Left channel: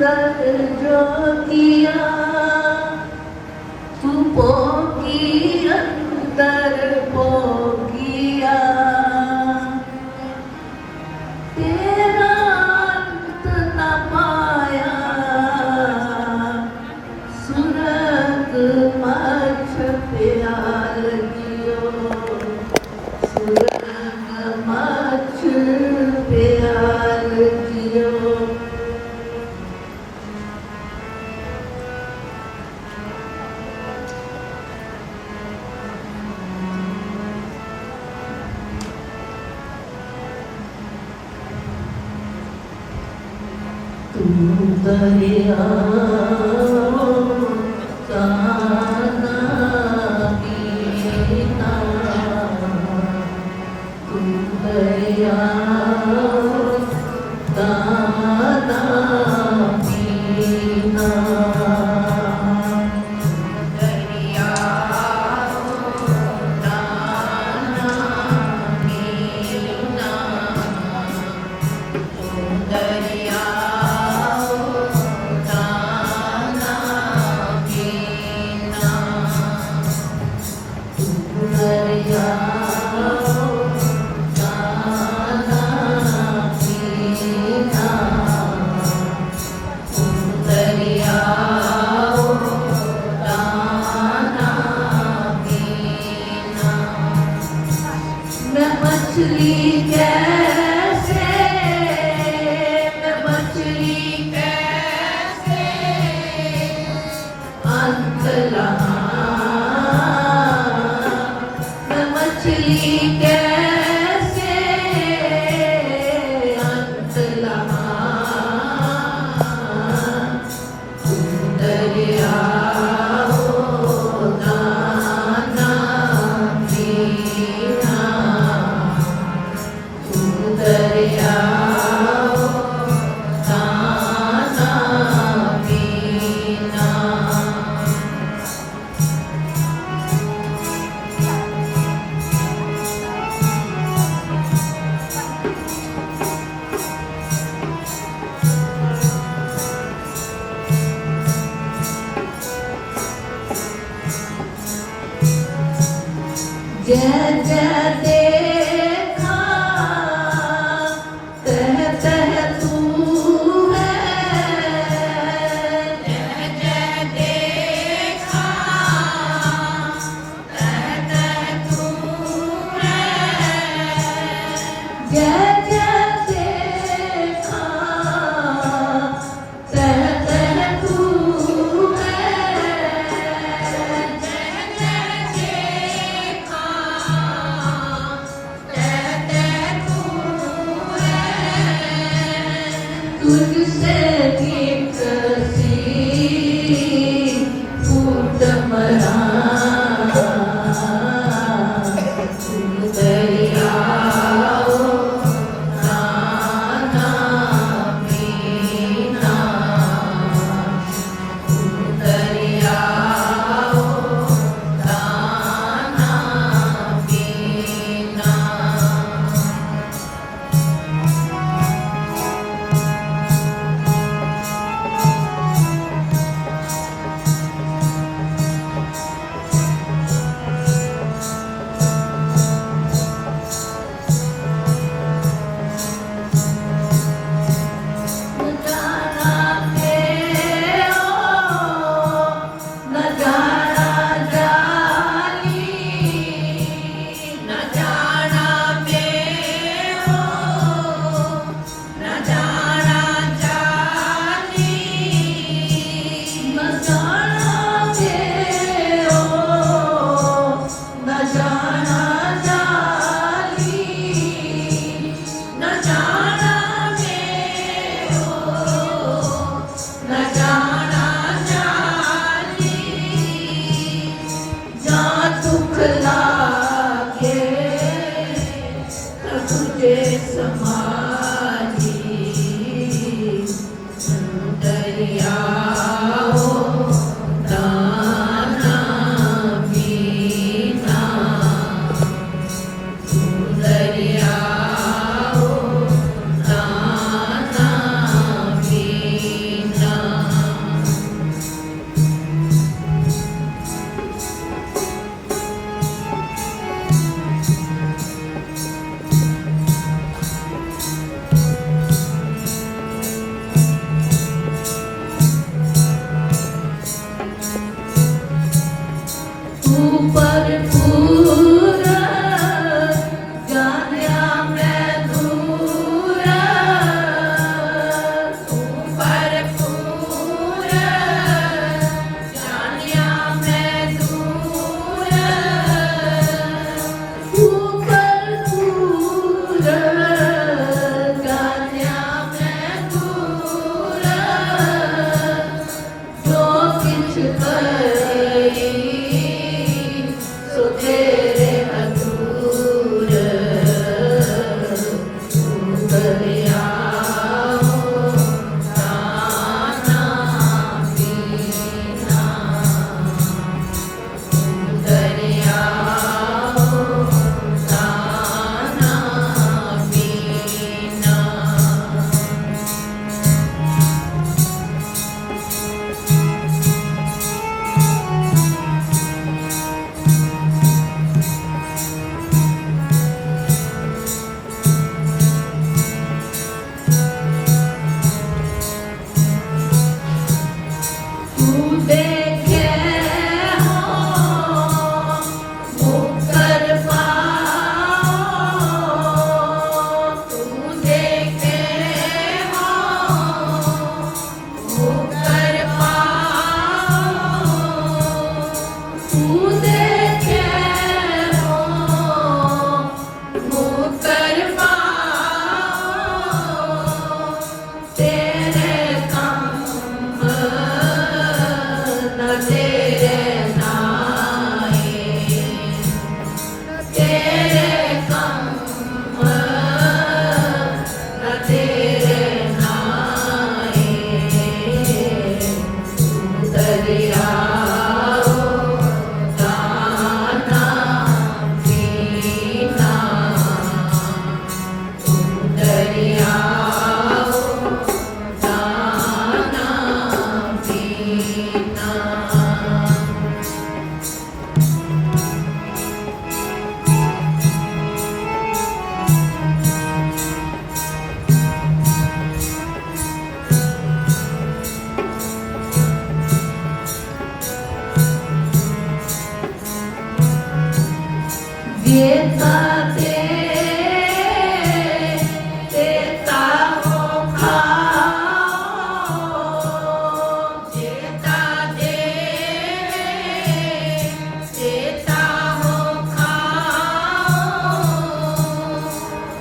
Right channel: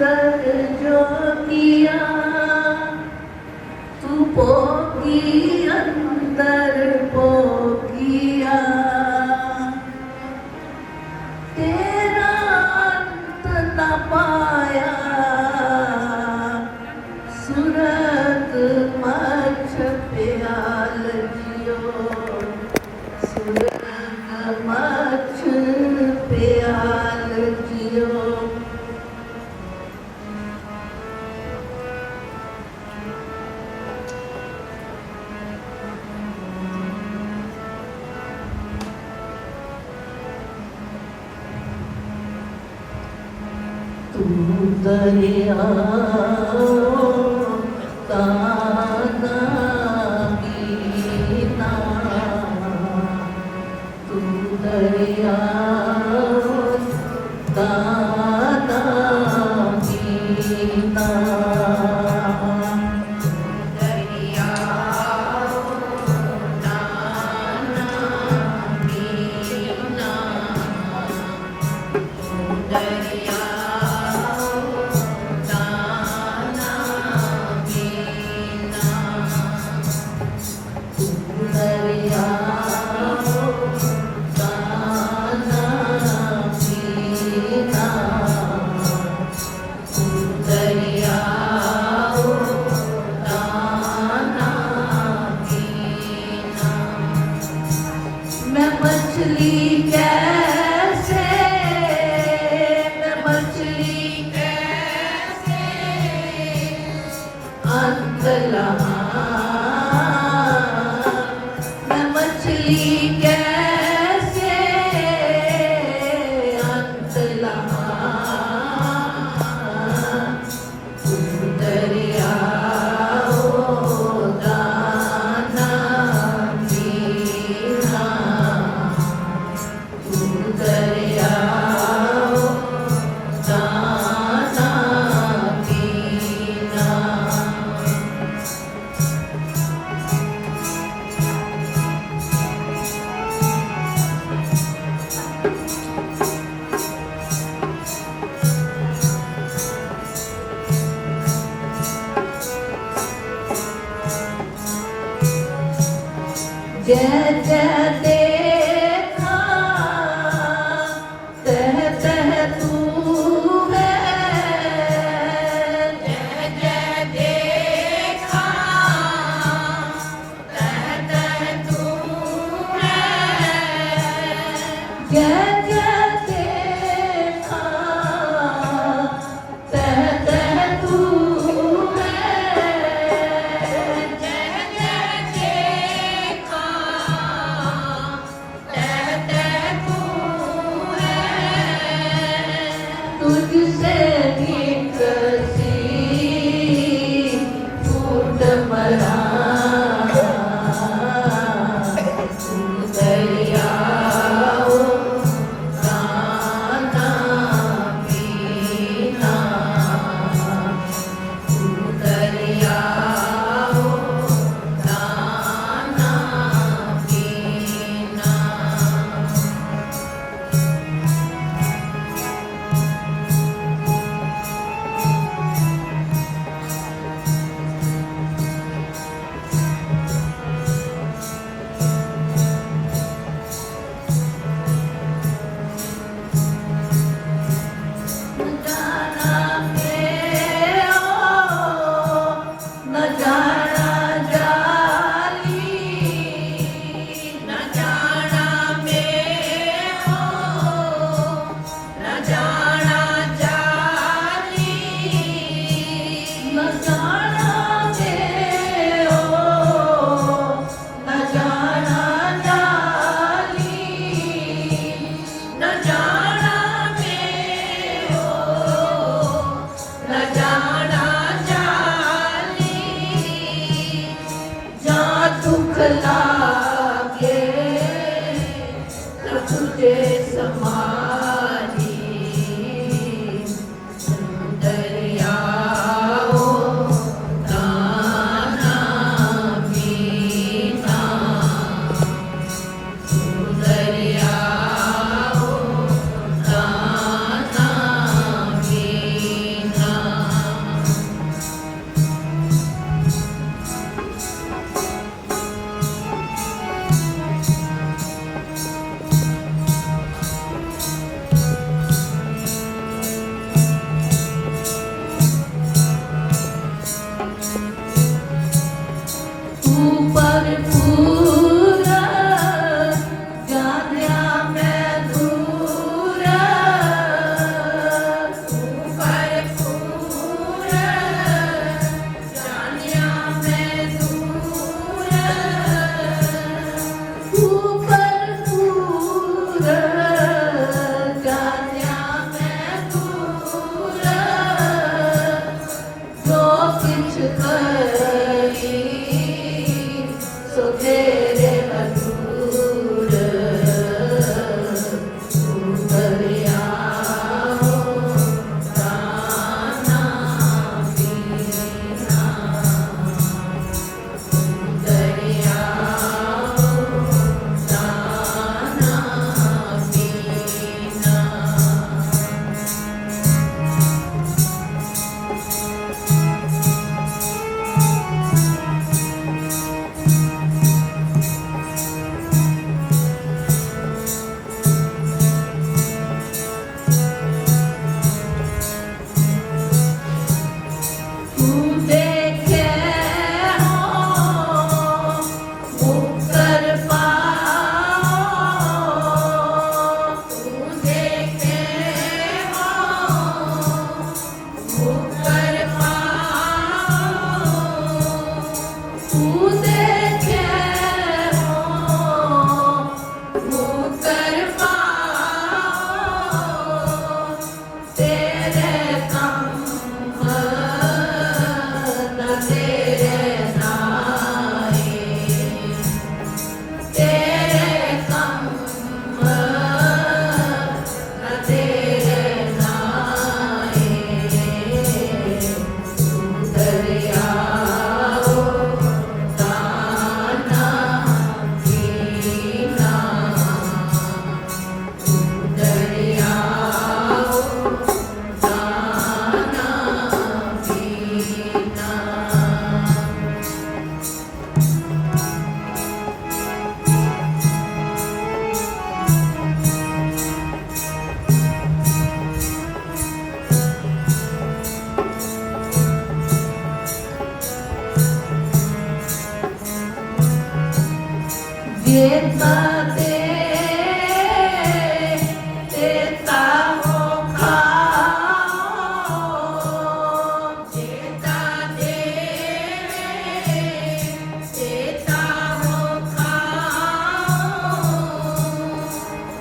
Bak öldü Yeah.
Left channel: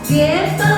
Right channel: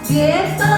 gift.